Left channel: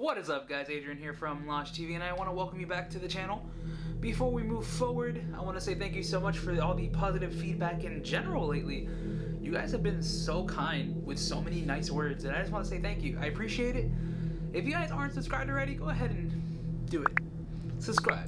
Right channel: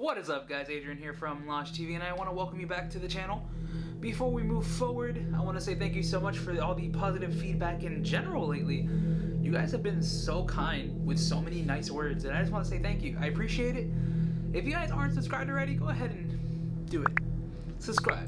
What is up, guys? Adrian here from Losh TV, and I want to welcome you back to the channel. Before we move forward, I want to say thank you so much for all the positive feedback in general lately. You guys have been so kind with so many nice words, and I just want to say thank you. I appreciate it. If you guys aren't subscribed already, go ahead and do it. Subscribe,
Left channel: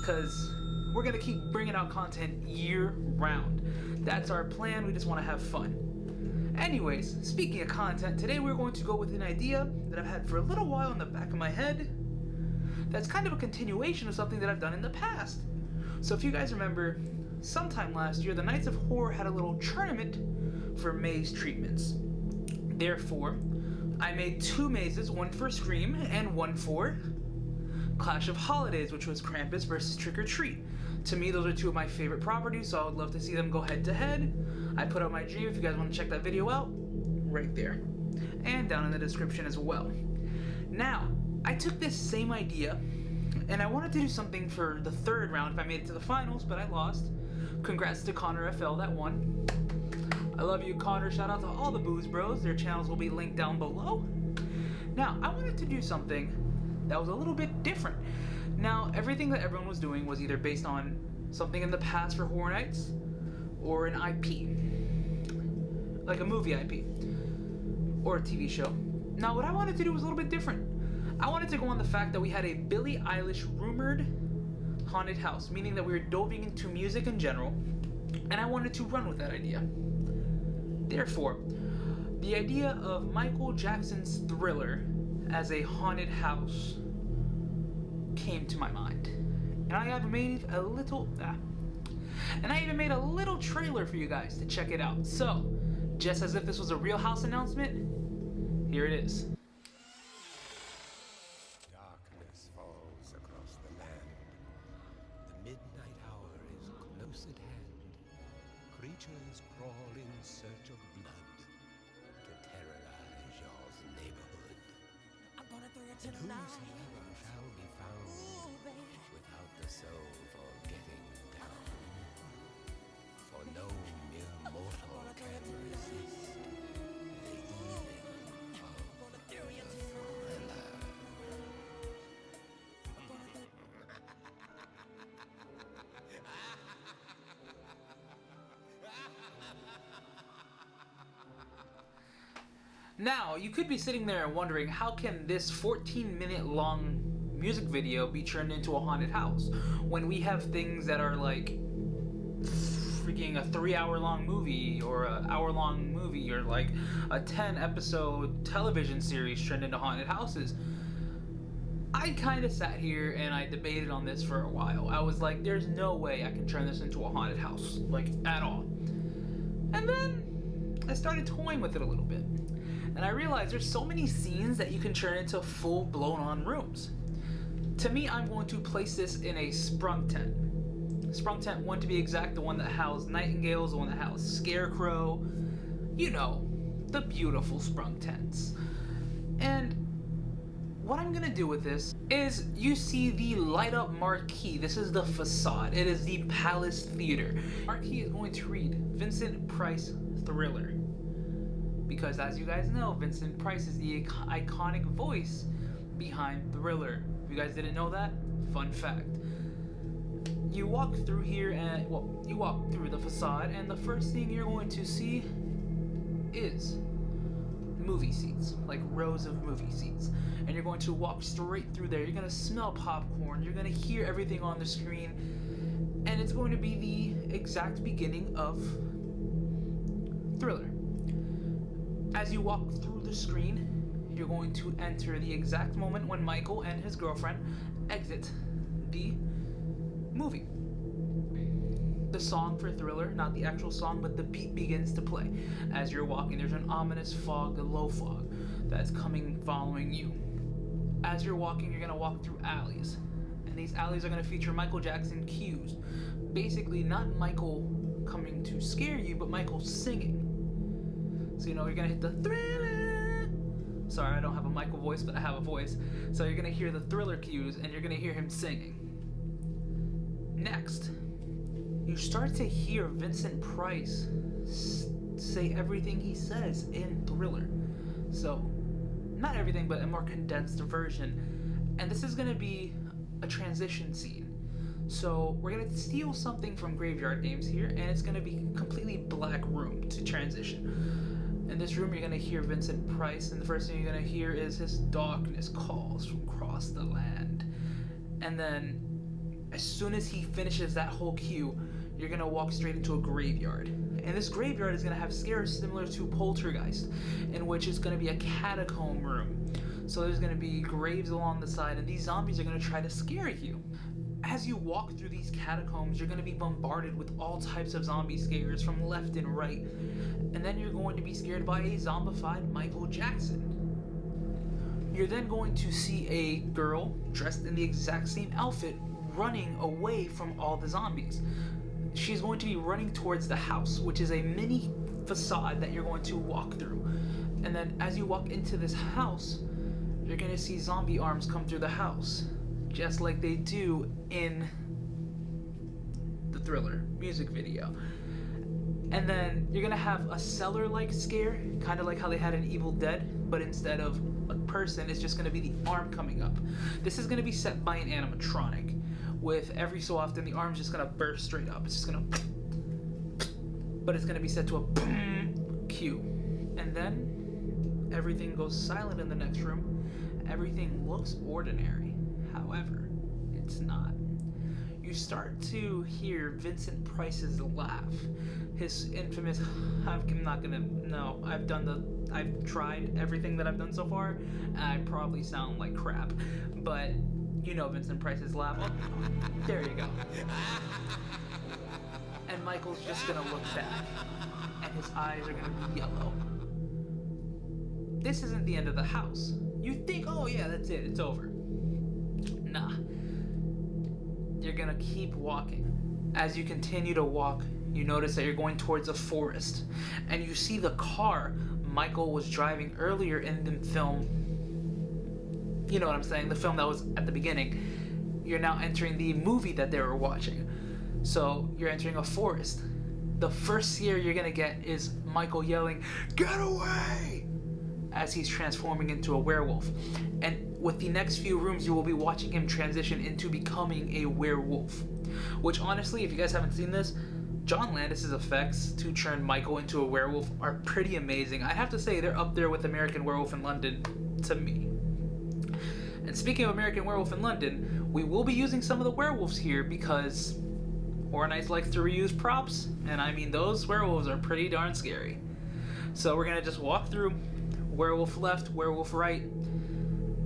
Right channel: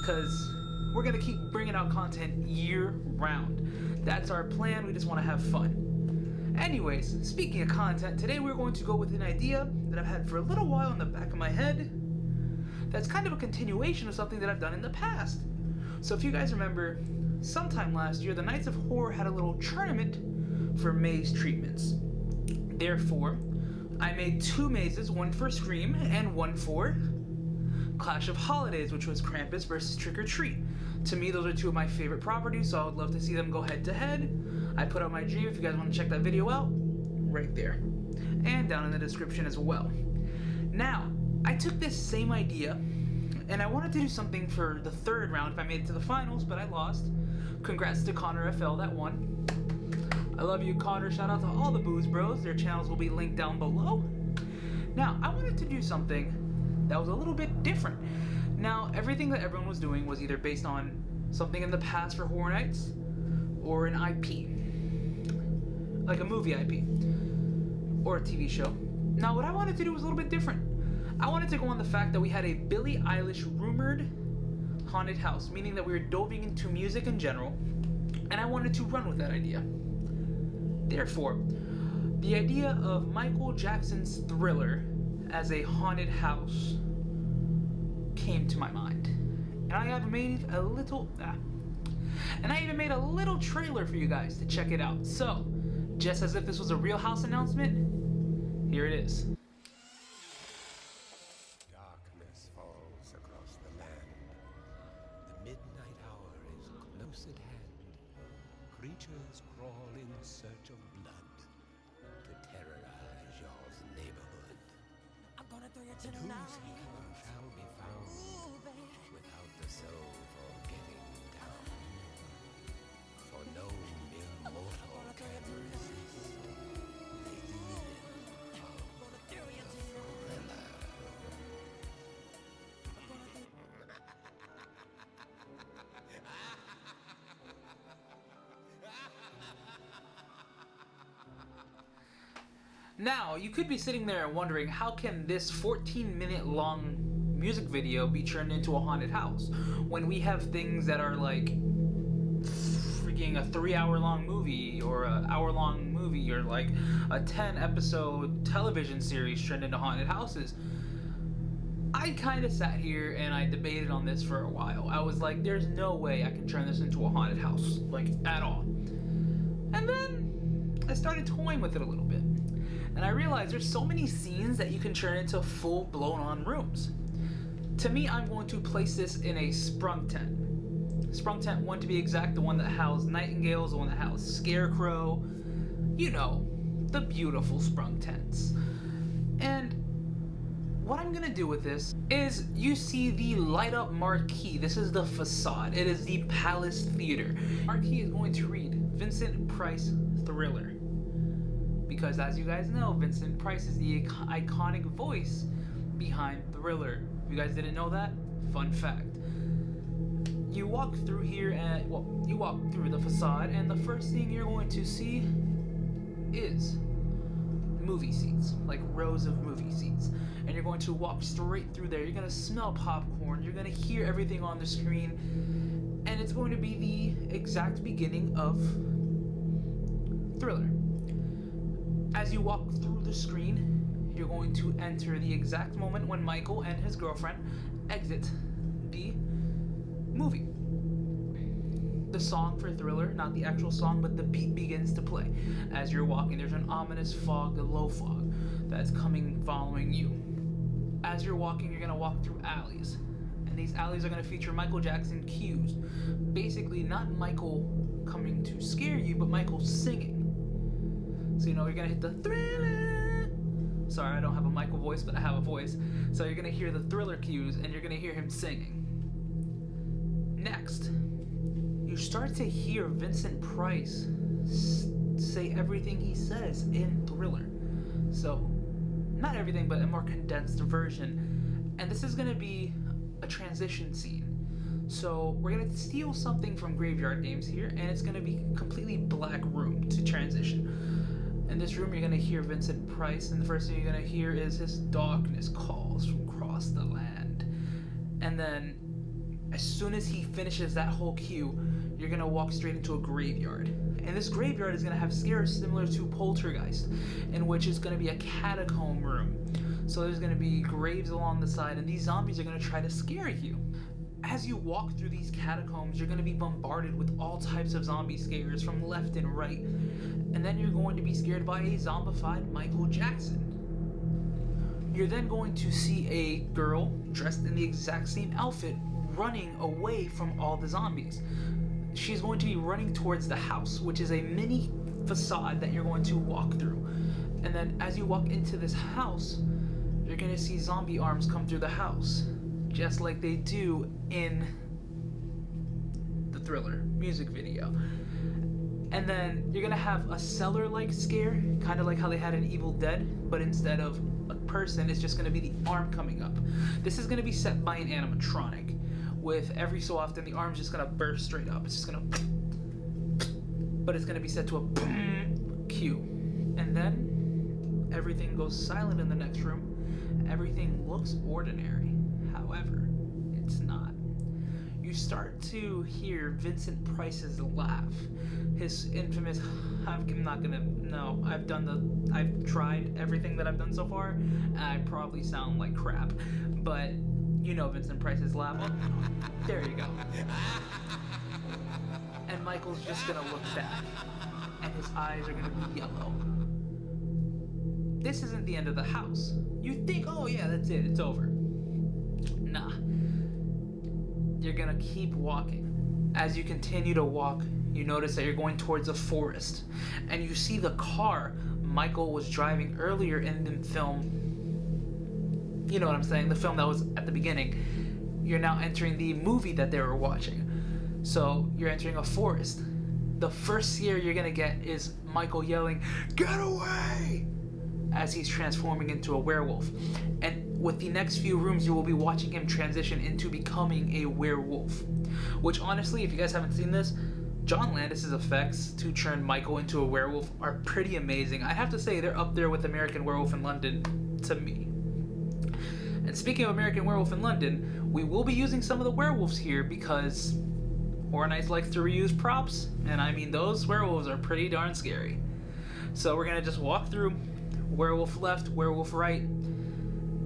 because we're going to keep bringing out content year-round. That's our plan. We just want to have fun. Anyways, speaking of content, today we're going to go with an idea that I've had for a little while in the back of my head that's kind of a continuation of something that I've done in the past. So if you guys remember, sometime last year, the Knights of Horror had a little tournament for maze treatments. Therefore, I made two mazes, one for Scream and one for Clash of Holidays, which was Krampus versus Trick or Treat. To me, those are two of my favorite properties, so I would love to see them go head to head. I put out my dream if you guys want to check that video out, right there. And down in the description as well. Now, I took this same idea, and I wanted to do something for the third round if I made it to the finals, but I lost. Congrats to Connor FL that won. I love you, Connor. Shout out to all the Booze Bros. Their channels will be linked down below. Now, I wanted to do something that was a little bit different. Now, everything that everyone was doing was either based on something in the past for Horror Nights or an IP, like a movie IP or a TV show. Now, what I wanted to do was a little bit different. I wanted to go on the fact that we had a Billie Eilish rumored haunted house, meaning that we were diving into music in general, and I wanted to run with that idea. Therefore, the idea of Michael Jackson's Thriller as a haunted house came to my mind, and I have made a little and I even made a little trailer for you guys to check it out. So, just as if this was a Real House announcement, here it is. Darkness falls across the land. The midnight hour is close at hand. Creatures crawl in search of blood to terrorize y'all's neighborhood. I'm gonna throw you And tonight. whosoever shall be found without the soul for getting down. For no mere mortal can resist the evil of the Thriller. Now, you could be sitting there wondering, how can this 14-minute long music video be turned into a haunted house when we have things that are like freaking a 3-hour long movie or an hour-long movie or like a 10-episode television series turned into haunted houses? I kind of sat here and I debated on this for a while. I was like, there's no way I can turn this into a haunted house, like, at all. And then I started toying with it a little bit. And I realized there's so many scenes that you can turn into full-blown on rooms. To me, I'm going to place this in a sprung tent. Sprung tent 1 to be exact, the one that housed nightingales, the one that housed scarecrow. You know, the beautiful sprung tents. And what I'm gonna do with this is, you see the light up marquee. This is the Facade. It is the Palace Theater. Marquee is going to read Vincent Price Thriller. Because as you guys know, Vincent Price is the iconic voice behind Thriller. If you guys didn't know that, fun fact. You walk through here and, well, you walk through the Facade, and the first thing you're going to see is movie seats, like rows of movie seats. And you're going to walk straight through there. You're going to smell popcorn. You're going to hear everything on the screen. And it's going to be the exact beginning of Thriller. As you walk through the screen, you're going to enter the exact moment when Michael and his girlfriend exit the movie. The song for Thriller, not the actual song, but the beat begins to play. As you're walking, there's an ominous fog, a low fog, that's coming following you. As you're walking, you're going to walk through alleys. And these alleys are going to feature Michael Jackson cues. Basically, not Michael coming to scare you, but Michael singing. So, you know, you're going to hit the Thriller. Sorry, I don't have a Michael voice, but I have a voice. So you're going to hear the Thriller cues, and you're going to hear him singing. Next, you start to hear Vincent Price say everything he says in Thriller. So not everything, but a more condensed version. And this is going to be a transition scene. So we're going to steal something from Graveyard Games here, and it's going to be a completely black room to transition. In this room, you're going to hear Vincent Price, and the first thing you're going to hear is his darkness calls from across the land. And then, as soon as he finishes that whole cue, you're going to walk straight into a graveyard. And this graveyard is going to have scares similar to Poltergeist, in which it's going to be a catacomb room. So there's going to be graves along the side, and these zombies are going to try to scare you. As you walk through these catacombs, you're going to be bombarded with all types of zombie scares from left and right. And then you're going to be scared by a zombified Michael Jackson. You're then going to see a girl dressed in the exact same outfit running away from all the zombies. She's going to be running towards the house, which is a mini facade that you're going to walk through. And then as you walk into this house, you're going to see zombie arms come through the house, just like they do in the Thriller music video. And then you're going to have a cellar-like scare, kind of like how they had in Evil Dead, but instead of a person, it's just going to be the arm coming up. This is going to be set by an animatronic, with every so often the arm's just going to burst straight up. It's just going to... But it's going to be set to a boom cue. And then everything goes silent in the next room. Everything looks ordinary. However, it's not. You start to hear Vincent Price's laugh. His infamous, I've tried everything that I've done so far, and I probably sound like crap, but you know Vincent Price's laugh. Oh, there you go. And Michael's just gonna look back, and his eyes are gonna be yellow. This isn't the end of the house. You think, oh yeah, that's it, it's over. Nah. You're gonna keep walking. As you continue to walk, you notice that you're going towards a forest, and you see the car Michael was driving earlier in the film. You know what I'm saying, the film that was at the beginning. You're now entering the movie that they were watching. So you're entering a forest. The first scare you're gonna get is Michael yelling, "Get away!" as he's transforming into a werewolf. And with the next few rooms, you will be watching him transition into becoming a werewolf. Which honestly, if you guys haven't seen this, John Landis's effects to turn Michael into a werewolf are pretty amazing. I have to say, they're up there with American Werewolf in London to me. And speaking of American Werewolf in London, we will be using some of the werewolves here because Horror Nights likes to reuse props, and I mean, those werewolves are pretty darn scary. So we're gonna just walk through, werewolf left, werewolf right,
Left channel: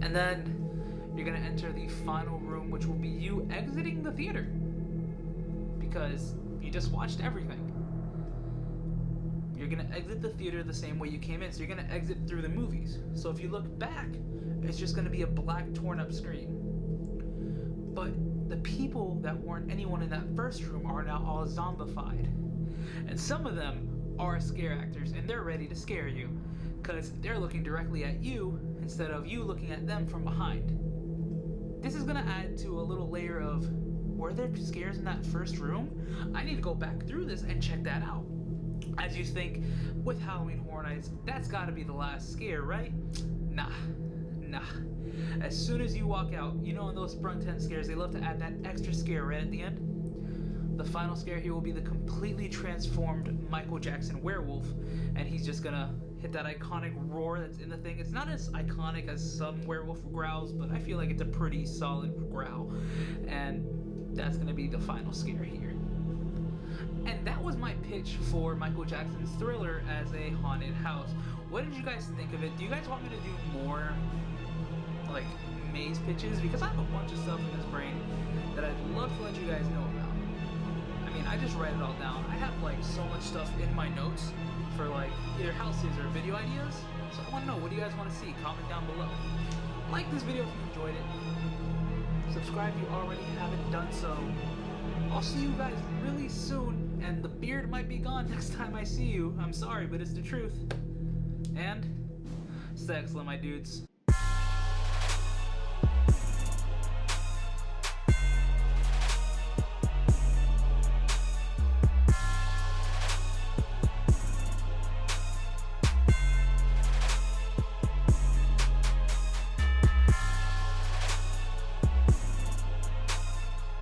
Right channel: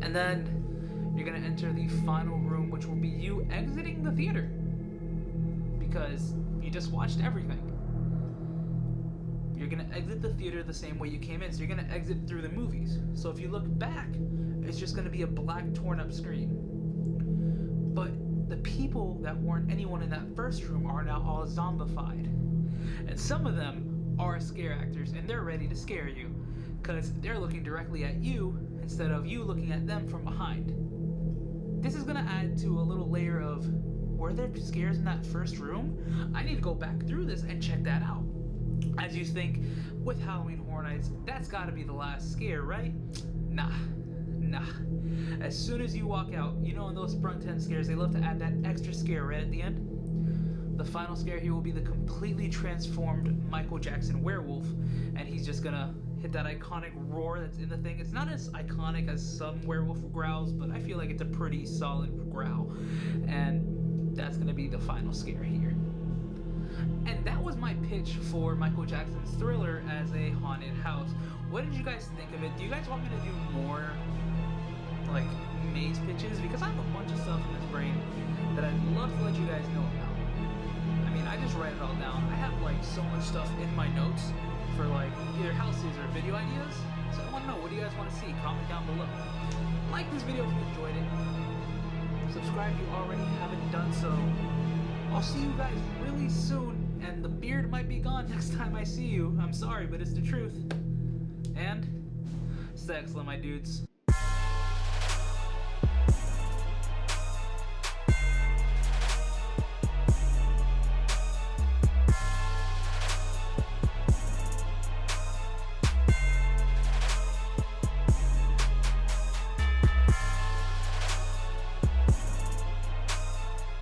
and then you're gonna enter the final room, which will be you exiting the theater because you just watched everything. You're gonna exit the theater the same way you came in, so you're gonna exit through the movies. So if you look back, it's just gonna be a black torn up screen. But the people that weren't anyone in that first room are now all zombified. And some of them are scare actors, and they're ready to scare you because they're looking directly at you instead of you looking at them from behind. This is gonna add to a little layer of, were there scares in that first room? I need to go back through this and check that out. As you think, with Halloween Horror Nights, that's gotta be the last scare, right? Nah. As soon as you walk out, you know in those Sprung 10 scares, they love to add that extra scare right at the end. The final scare here will be the completely transformed Michael Jackson werewolf, and he's just gonna hit that iconic roar that's in the thing. It's not as iconic as some werewolf growls, but I feel like it's a pretty solid growl. And that's gonna be the final scare here. And that was my pitch for Michael Jackson's Thriller as a haunted house. What did you guys think of it? Do you guys want me to do more like maze pitches? Because I have a bunch of stuff in this brain that I'd love to let you guys know about. I mean, I just write it all down. I have like so much stuff in my notes for like either houses or video ideas. So I want to know, what do you guys want to see? Comment down below. Like this video if you enjoyed it. Subscribe if you already haven't done so. I'll see you guys really soon, and the beard might be gone next time I see you. I'm sorry, but it's the truth. And stay excellent, my dudes.